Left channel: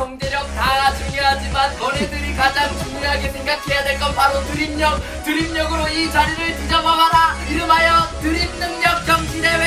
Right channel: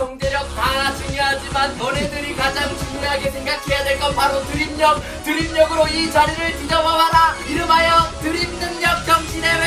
경제력 다 중요하지만 너네들이 가장 중요하게 생각해야 될 건 바로 드립력. 드립력으로 이 자리를 뒤져봐봐라. 이름하여 드립능력 정시대회.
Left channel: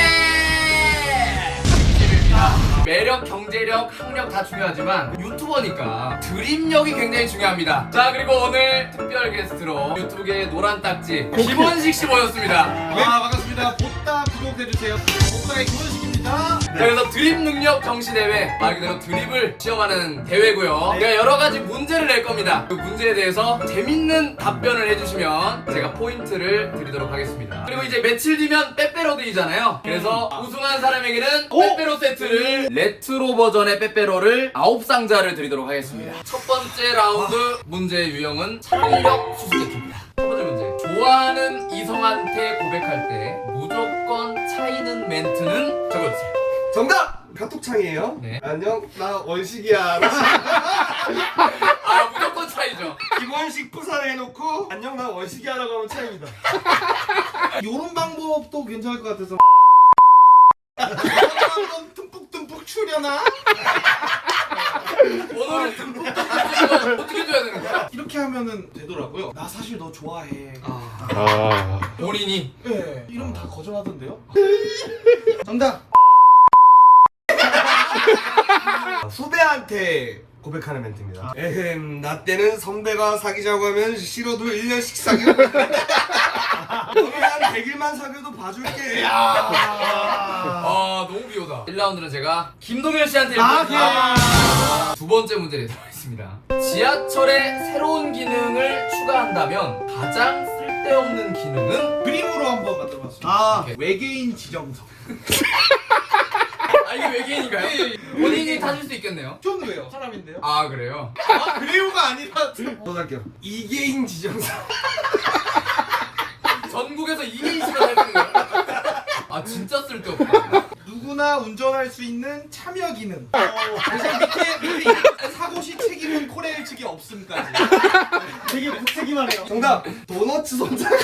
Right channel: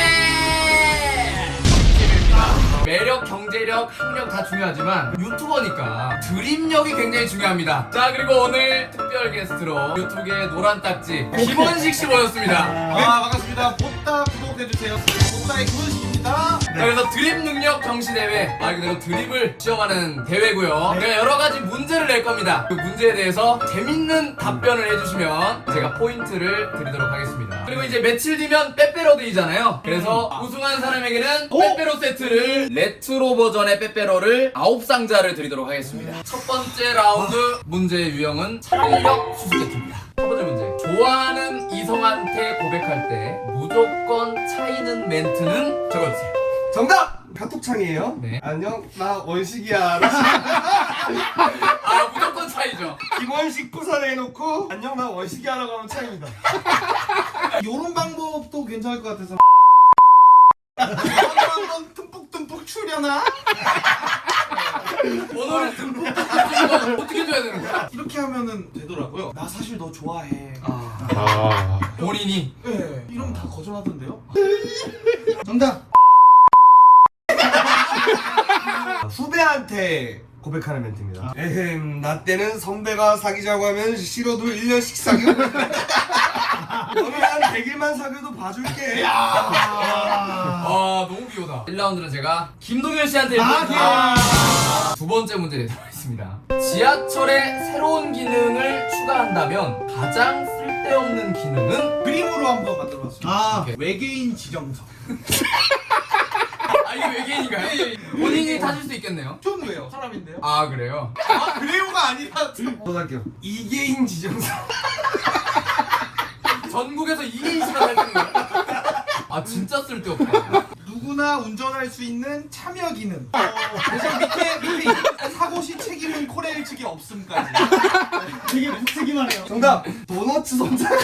매력, 경제력, 학력 다 중요하지만 유튜버니까 드립력이 굉장히 중요합니다. 자, 그리고 오늘 특별 게스트로 유튜브계의 노란 딱지 김원식 씨 모셨습니다. 반갑습니다. 보따 구독해주세요. 보따의 김원식입니다. 자, 그래서 드립 능력 정시대회, 말 그대로 드립을 시험하는 대회고요. 제가 여러 가지 문제를 낼 겁니다. 그 문제에 대해서 재밌는 답변을 해주시면 제가 포인트를 드리도록 하겠습니다. 그리고 이제 며칠 뒤면 빼빼로데이잖아요. 그래서 우승한 사람에게는 빼빼로 세트를, 레트로 버전의 빼빼로를 9상자를 드리도록 하겠습니다. 첫 번째 라운드 문제의 유형은 촬영력 수수께끼입니다. 첫 번째 문제. 좋아하는 이성한테 고백할 때 무조건 차이는 멘트는 적어주세요. 정답! 카톡창이에요. 네. 안녕, 나 원식이야. 아, 무조건 차이죠. 김원식 부산에 해놓고 안녕, 나 원식이야라고 하면 차입니다. 요런 방법도 괜찮을 것 같아서. 한번 듬뿍듬뿍 추려나? 번호를 듬뿍 주시면 어떻게 줘야 되는 거야? 이렇게 하면은 되더라고요. 나 사실 너 좋아해. 본인이. 네. 이러면 다 거절하던데요? 정답! 후배한테 고백하는 멘트입니다. 에헴, 나 때는 선배가 사귀자고 하면 싫어도 1년씩 사귀어. 너는 한 100일만 사귀어도 봐줄게. 아, 너무 귀여다. 1라운드는 제가 김동현 씨한테 두 번째 문제 내도록 하겠습니다. 지하철에 새로운 기능을 추가한다면 가장 쓸데없는 기능은? 그림으로 한번 만들어봤습니다. 오케이. 외계인 지정석. 아, 이게 외계인인가요? 본인이 타실 수 있겠네요. 저는 왜요? 사람인데요? 아, 그래요? 아, 그래요가 아니라. 또 할게요. 이계인 지정석. 전국에서 2개인 씨가 살는 거야? 아, 진짜 쓸데없다. 누구나 운전할 수 있는 참여 기능. 그래서 밑에 사고 시 책임은 코레일 측이 없음까지. 되게 무책임하네요. 정답. 도너츠 손잡이.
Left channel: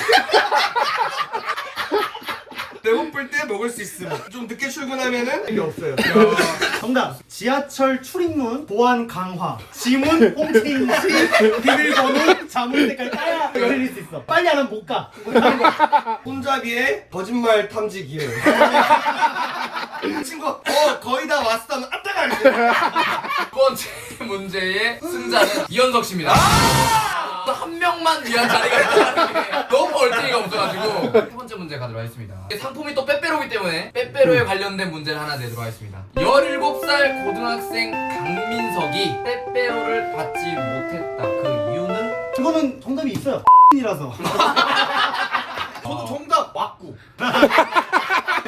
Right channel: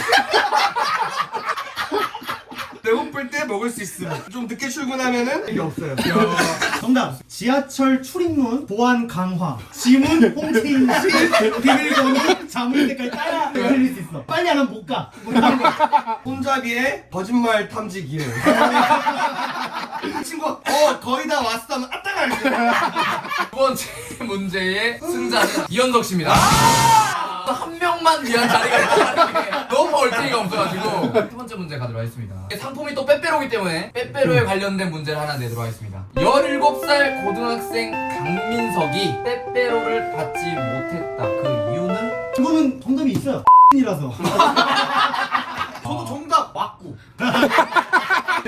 배고플 때 먹을 수 있음. 좀 늦게 출근하면은 이게 없어요. 정답. 지하철 출입문 보안 강화. 지문 홍채인 씨 비밀번호 자문 때까지 따야 열릴 수 있어. 빨리 안 하면 못 가. 못 가는 거야. 손잡이에 거짓말 탐지 기능. 친구, 거의 다 왔어 하면 아따가 이렇게. 두 번째 문제의 승자는 이현석 씨입니다. 한 명만 위한 자리가 있는데 너무 얼탱이가 없어가지고 세 번째 문제 가도록 하겠습니다. 상품이 또 빼빼로기 때문에 빼빼로에 관련된 문제를 하나 내도록 하겠습니다. 17살 고등학생 강민석이 빼빼로를 받지 못했다. 그 이유는? 그거는 정답이 있어요. 이라서. 저도 정답 왔고.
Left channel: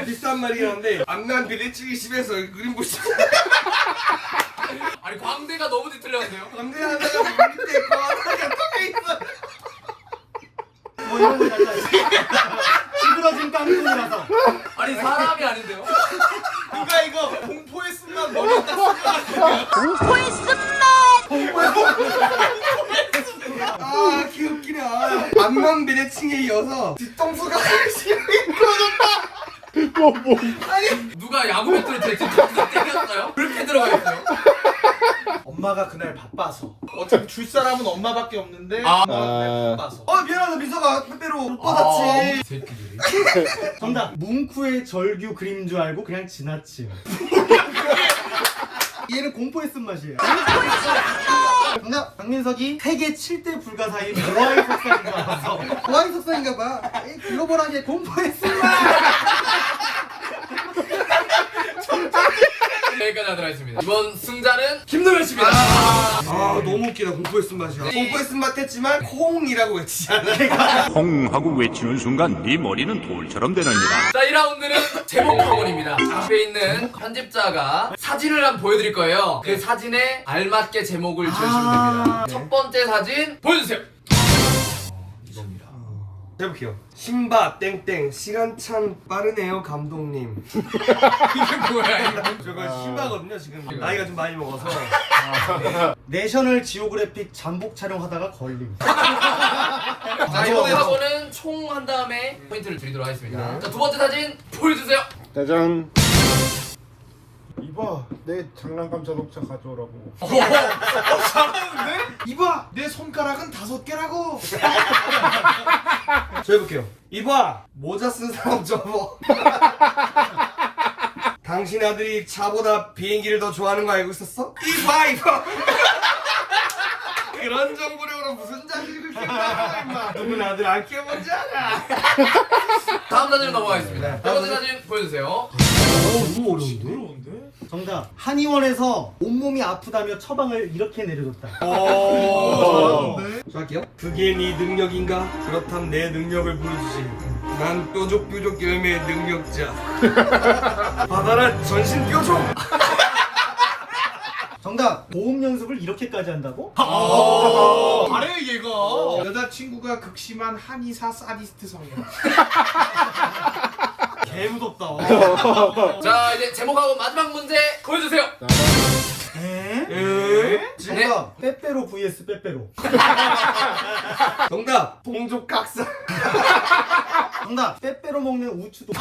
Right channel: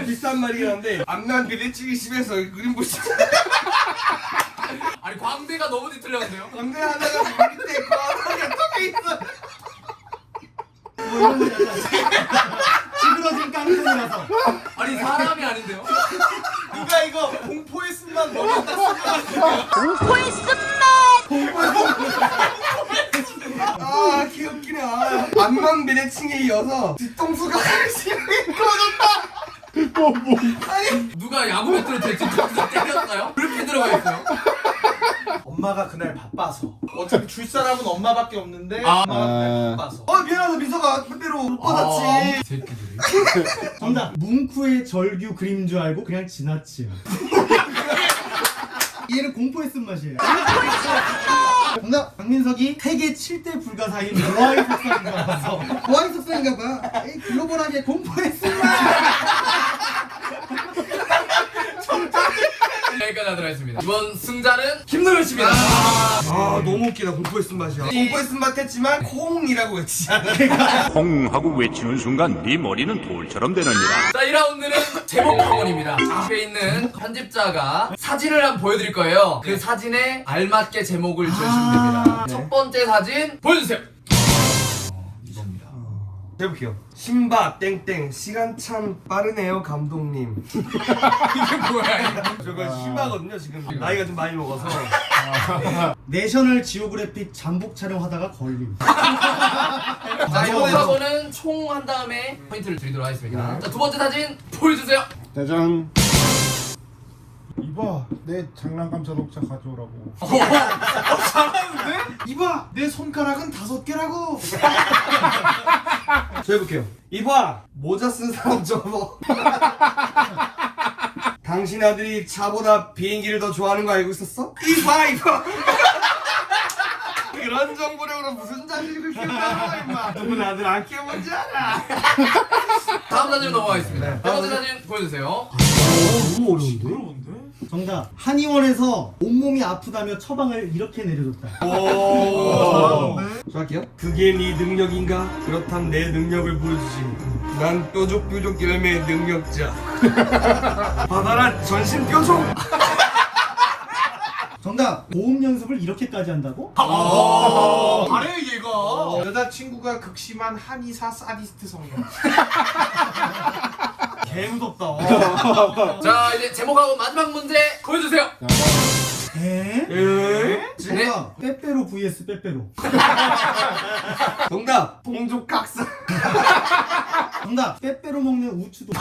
비싼 말이긴 한데 암난 비대치기 집에서 그림 보시. 아니, 광대가 너무 뒤틀렸는데요? 담배 하다가 밑에 과하게 떠 있어. 뭐 이런 거 약간 찌그러진 깡통이라서. 아니, 사람이 아닌데요? 누가 이거 공포의 순간 머리에 딱 쓰고. 공포의 쓴맛! 아, 귀엽긴 해. 암만 비대칭에 이어서 뒤통수가 심하게 커졌다. 누가 야구 배트로 제 뒤통수 때렸어요? 그렇게 들어가 있어요? 엄마가 그날 바빠서. 어차피 줄 사람은 엄마밖에 없는데 아. 엄마가 그날 바빠서. 미안하다 민서가 빼빼로 못 받았지. 새끼들이. 정답. 뭉쿠의 절규 그림 줄 알고 그냥 지나침. 얘는 공포의 쓴맛이에요. 정답. 강민석이 세계 7대 불가사인 모아이 석상인가 봐서. 모아이 석상인가 봐. 글로벌하게 공포의 쓴맛. 여기까지 하도록 하겠습니다. 이번 승자는 김동현 씨입니다. 너무 웃기다. 공포의 쓴맛이야. 공포의 쓴맛 했지만 콩이라고 외치지 않아. 콩 하고 외치는 순간 네 머리는 돌처럼 되느니라. 자, 2라운드는 제목 학원입니다. 앞에 있는 편집자가 사진을 한번 보여드릴 거예요. 그 사진에 알맞게 제목을 지어주시면 됩니다. 첫 번째 사진 보여주세요. 이겁니다. 해볼게요. 신바 땡땡 시간 참 빠르네요 감독님. 이게 뭐야, 이거? 저거 신바거든요 지금. 나이가 좀 많이 먹어서. 내셔널 지오그래픽 잠복 촬영하다가 걸림. 자, 이번 학원은 총 한 다음에 포인트를 드리도록 하겠습니다. 자, 두 번째 사진 보여주세요. 짜잔. 이봐, 내 장난감 자동차 가져오라고. 잘하는데? 이봐, 내 손가락은 5개라고. 저 해볼게요. 이봐, 모자 쓴 사람 접어. 당신 아들이 차보다 비행기를 더 좋아하는 거 알고 있었어? 이봐. 그런 정보력으로 무슨 자식을 키운다는 거야, 임마. 누군 아들 안 키워본지 알아. 다음 사진 넘어가겠습니다. 세 번째 사진 보여주세요. 너무 어려운데? 정답. 한의원에서 온몸이 아프다며 처방을 이렇게 내려줬다. 저 할게요. 그게 네 능력인가? 그렇다면 내 능력을 보여주지. 난 뾰족뾰족 열매의 능력자. 받아라 전신 뾰족. 정답. 고음 연습을 이렇게까지 한다고? 잘해요 얘가. 여자친구가 극심한 한의사 사디스트 성격. 개 무섭다. 자 이제 제목하고 마지막 문제 보여주세요. 에? 네. 정답. 빼빼로 vs 빼빼로. 정답. 동족 각사. 정답. 빼빼로 먹는 우추도.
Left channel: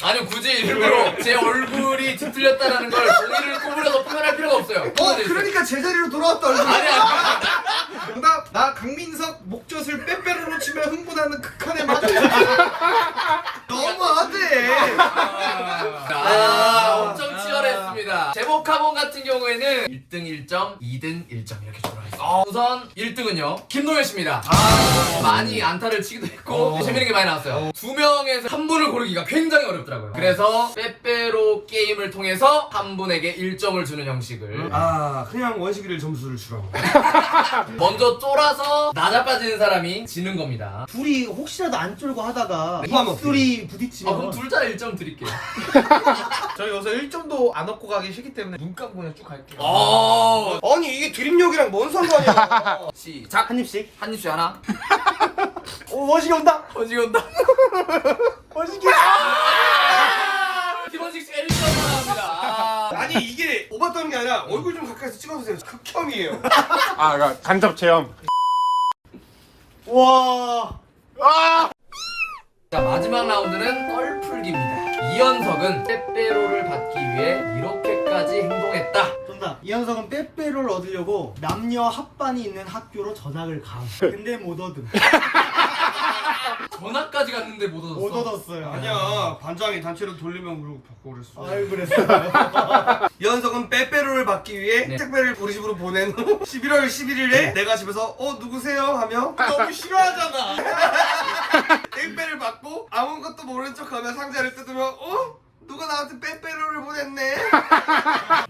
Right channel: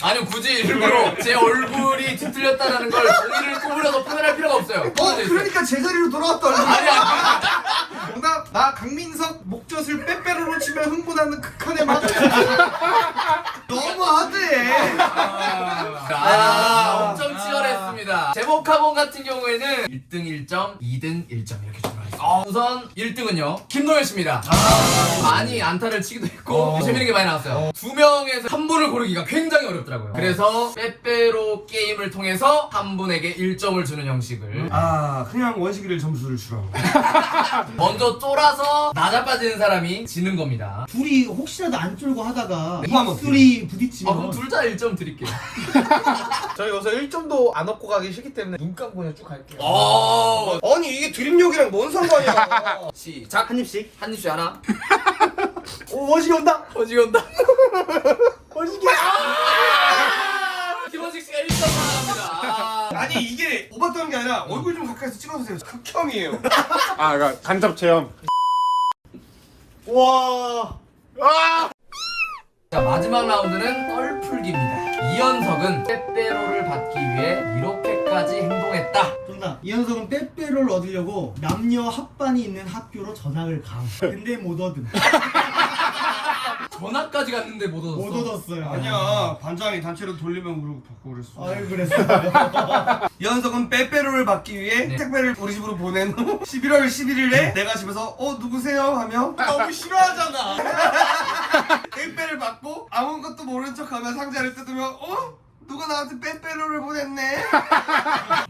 아니 굳이 일부러 제 얼굴이 뒤틀렸다라는 걸 종이를 구부려서 표현할 필요가 없어요. 그러니까 제자리로 돌아왔다 얼굴. 아니. 정답, 나 강민석 목젖을 빼빼로로 치면 흥분하는 극한의 맛. 너무하대. 엄청 치열했습니다. 제목하본 같은 경우에는 1등 1점, 2등 1점 이렇게 들어있어요. 우선 1등은요 김노현 씨입니다. 많이 안타를 치기도 했고 재밌는 게 많이 나왔어요. 2명에서 한 분을 고르기가 굉장히 어렵더라고요. 그래서 빼빼로 게임을 통해서 한 분에게 1점을 주는 형식을 그냥 원식이를 점수를 주라고. 먼저 쫄아서 낮아빠지는 사람이 지는 겁니다. 둘이 혹시라도 안 쫄고 하다가 그럼 입술이 부딪히면 그럼 둘 다 1점 드릴게요. 저희 여기서 1점도 안 얻고 가기 싫기 때문에 눈 감고 그냥 쭉 갈게요. 아니 이게 드립력이랑 뭔 상관이야. 시작. 한 입씩. 한 입씩 하나. 원식이 온다. 원식이 온다. 원식이. 김원식 씨가 1점 나갑니다. 아니 이게 오봤다는 게 아니라 얼굴 좀 가까이서 찍어주세요. 극혐이에요. 그러니까 간접 체험. 와. 자 마지막 라운드는 썰풀기입니다. 이현석은 빼빼로를 받기 위해 이렇게까지 행동했다. 정답. 이현석은 빼빼로를 얻으려고 남녀 합반이 있는 학교로 전학을 가. 근데 못 얻음. 전학까지 갔는데 못 얻었어. 못 얻었어요. 아니야 반장이 단체로 돌리면 우리 받고 그랬어. 아유 그랬어요. 이현석은 빼빼로를 받기 위해 네. 택배를 우리 집으로 보낸 후 11월 11일에 내가 집에서 누구세요? 하며 너무 싫어하잖아. 택배를 받고 아무것도 모른 척하며 상자를 뜯으며 누가 나한테 빼빼로를 보냈네?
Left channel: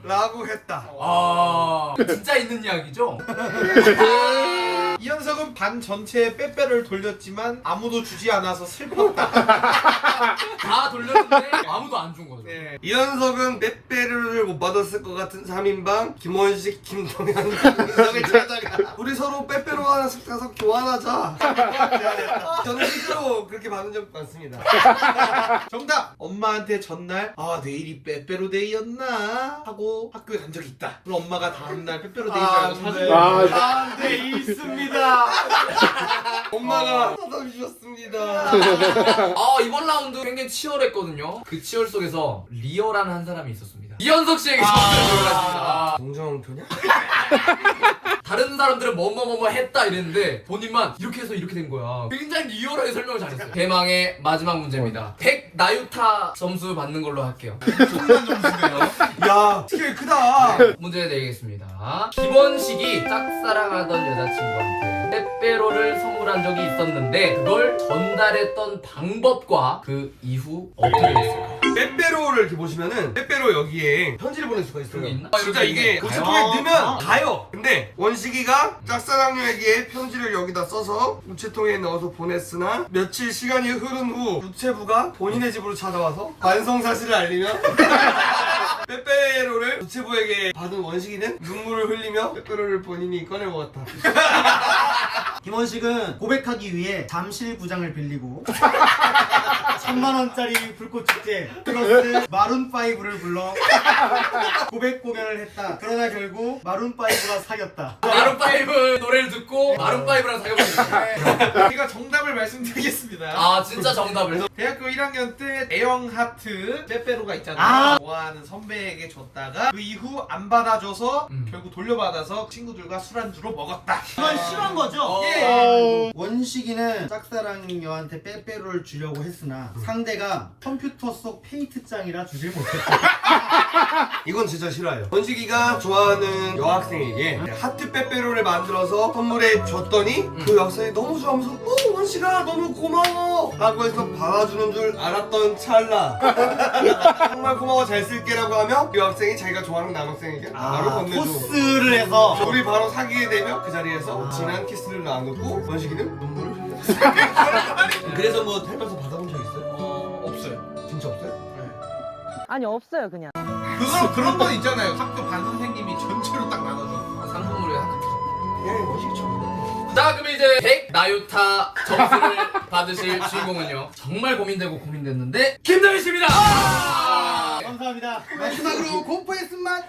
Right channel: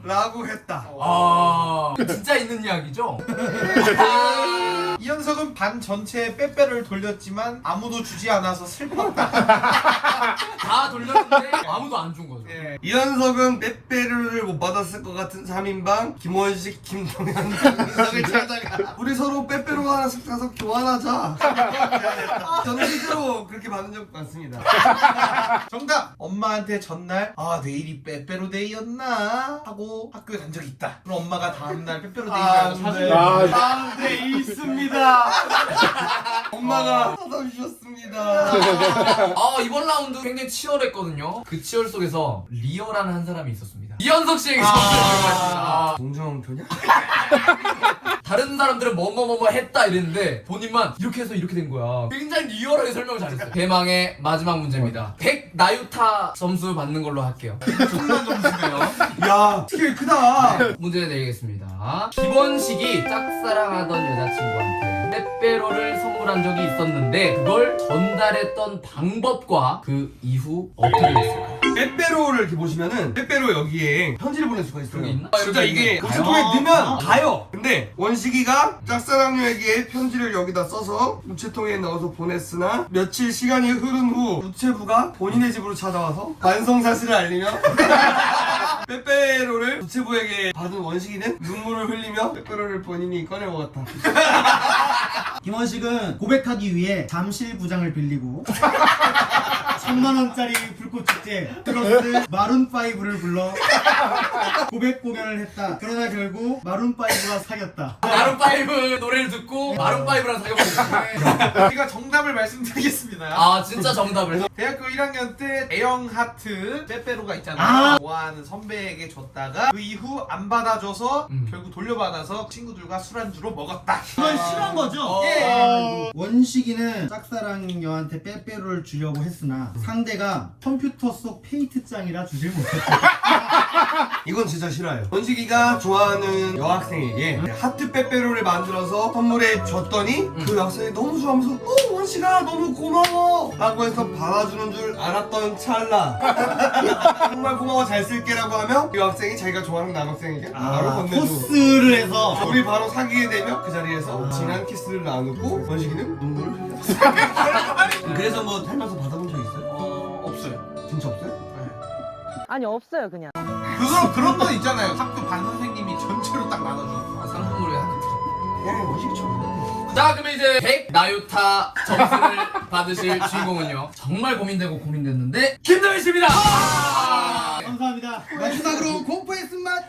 라고 했다. 진짜 있는 이야기죠? 이현석은 반 전체에 빼빼로를 돌렸지만 아무도 주지 않아서 슬펐다. 다 돌렸는데 아무도 안 준 거죠. 이현석은 빼빼로를 못 받았을 것 같은 3인방 김원식, 김동현, 강민석을 찾아가 우리 서로 빼빼로 하나씩 사서 교환하자. 저는 실제로 그렇게 받은 적 많습니다. 정답! 엄마한테 전날 내일이 빼빼로 데이였나? 하고 학교에 간 적이 있다. 그럼 엄마가 다음날 빼빼로 데이인 줄 알고 사주는 네 있습니다. 엄마가 사다 주셨습니다. 이번 라운드 굉장히 치열했거든요. 그 치열 속에서 리얼한 한 사람이 있었습니다. 이현석 씨에게 점수를 드리겠습니다. 동정표냐? 다른 사람들은 뭐뭐뭐뭐 했다 이랬는데 본인만 이렇게 해서 이렇게 된 거야. 굉장히 리얼하게 설명을 잘했어요. 대망의 마지막 문제입니다. 100 나유타 점수 받는 걸로 할게요. 엄청난 점수네요. 야 스킬 크다. 문제 내겠습니다. 기본식이 짝사랑하던 여자친구한테 빼빼로를 선물한 적이 있었는데 그걸 전달했던 방법과 그 이후 어떻게 됐을까요? 빼빼로를 이렇게 보시면은 빼빼로 여기에 편지를 보낼 수가 있어요. 여기 있나? 진짜 여기 이게 있네. 우체통에 가요? 넣으면 가요. 근데 원식이가 짝사랑녀에게 편지를 여기다 써서 우체통에 넣어서 보냈으나 며칠 시간이 흐른 후 우체부가 본인의 집으로 찾아와서 반성 사실을 알리며 빼빼로를 우체부에게 받은 원식이는 눈물을 흘리며 빼빼로를 본인이 꺼내 먹었다. 김원식은 고백하기 위해 잠실 부장을 빌리고 3만원짜리 불꽃축제 플러스 마룬5를 불러 고백 공연을 했다. 그러나 결국 마룬5와 사귀었다. 마룬5 노래를 듣고 마룬5랑 사귀어버렸어요. 제가 정답을 말씀드리겠습니다. 아 진짜 정답을. 대학교 1학년 때 대형 하트 빼빼로가 있잖아요. 아. 좋아하는 선배에게 줬다가 그 이후 안 받아줘서 결국 돌려받아서 친구들과 술안주로 먹었다. 이건 실화인 거죠? 예. 원식이는 짝사랑녀한테 빼빼로를 주려고 했으나 상대가 컴퓨터 속 페인트장이라 주질 못했다. 이건 진짜 싫어요. 원식이가 좋아하는 여학생에게 하트 빼빼로를 만들어서 선물해 줬더니 그 여학생이 너무 좋아하면서 원식아 너무 고마워 라고 해서 받아주는 줄 알았던 찰나 정말 고마워 잘 쓸게라고 하면 그 여학생이 자기가 좋아하는 남학생에게 바로 건네주고 포스를 해서 둘이 바로 사귀게 되면 그 자리에서 진한 키스를 나누고 원식이는 눈물을 흘렸어. 그래서 뭐 닮아서 받아본 적 있어요? 없어요. 진짜 없어요? 아니 없어요 그냥. 그런 거 있잖아요. 학교 반 선생님이 전체로 딱 나눠서. 상품으로 하나. 그냥 원식이처럼. 자 그러면 이제 100 나유타 점수를 받으실 주인공은요. 정말 고민되고 고민됐는데 김도현 씨입니다. 감사합니다. 마지막으로 공포의 쓴맛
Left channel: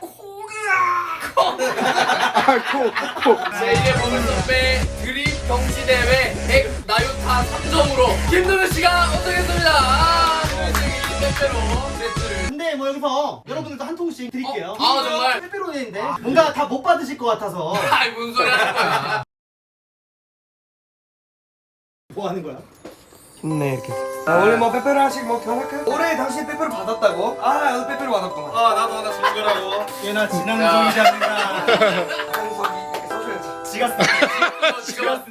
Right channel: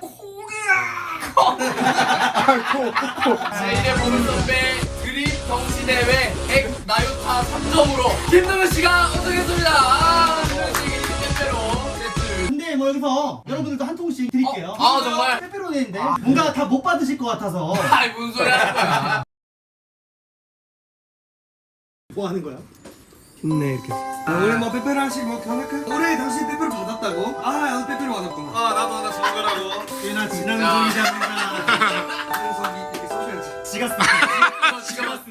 제1의 보는 선배 드립 경시대회 100 나유타 3점으로 김도현 씨가 우승했습니다. 김도현 씨 빼빼로 세트를. 근데 뭐 여기서 여러분들도 한 통씩 드릴게요. 아, 정말? 빼빼로네인데 뭔가 다 못 받으실 것 같아서. 아이 무슨 소리 하는 거야. 뭐 하는 거야? 힘내 이렇게. 오늘 뭐 빼빼로 하나씩 뭐 교환할까? 올해 당신 빼빼로 받았다고? 아 오늘 빼빼로 받았구나. 아 나도 하나 준 거라고. 꽤나 진앙적이십니다. 항석이 이렇게 써줘야지. 지가 써. 지금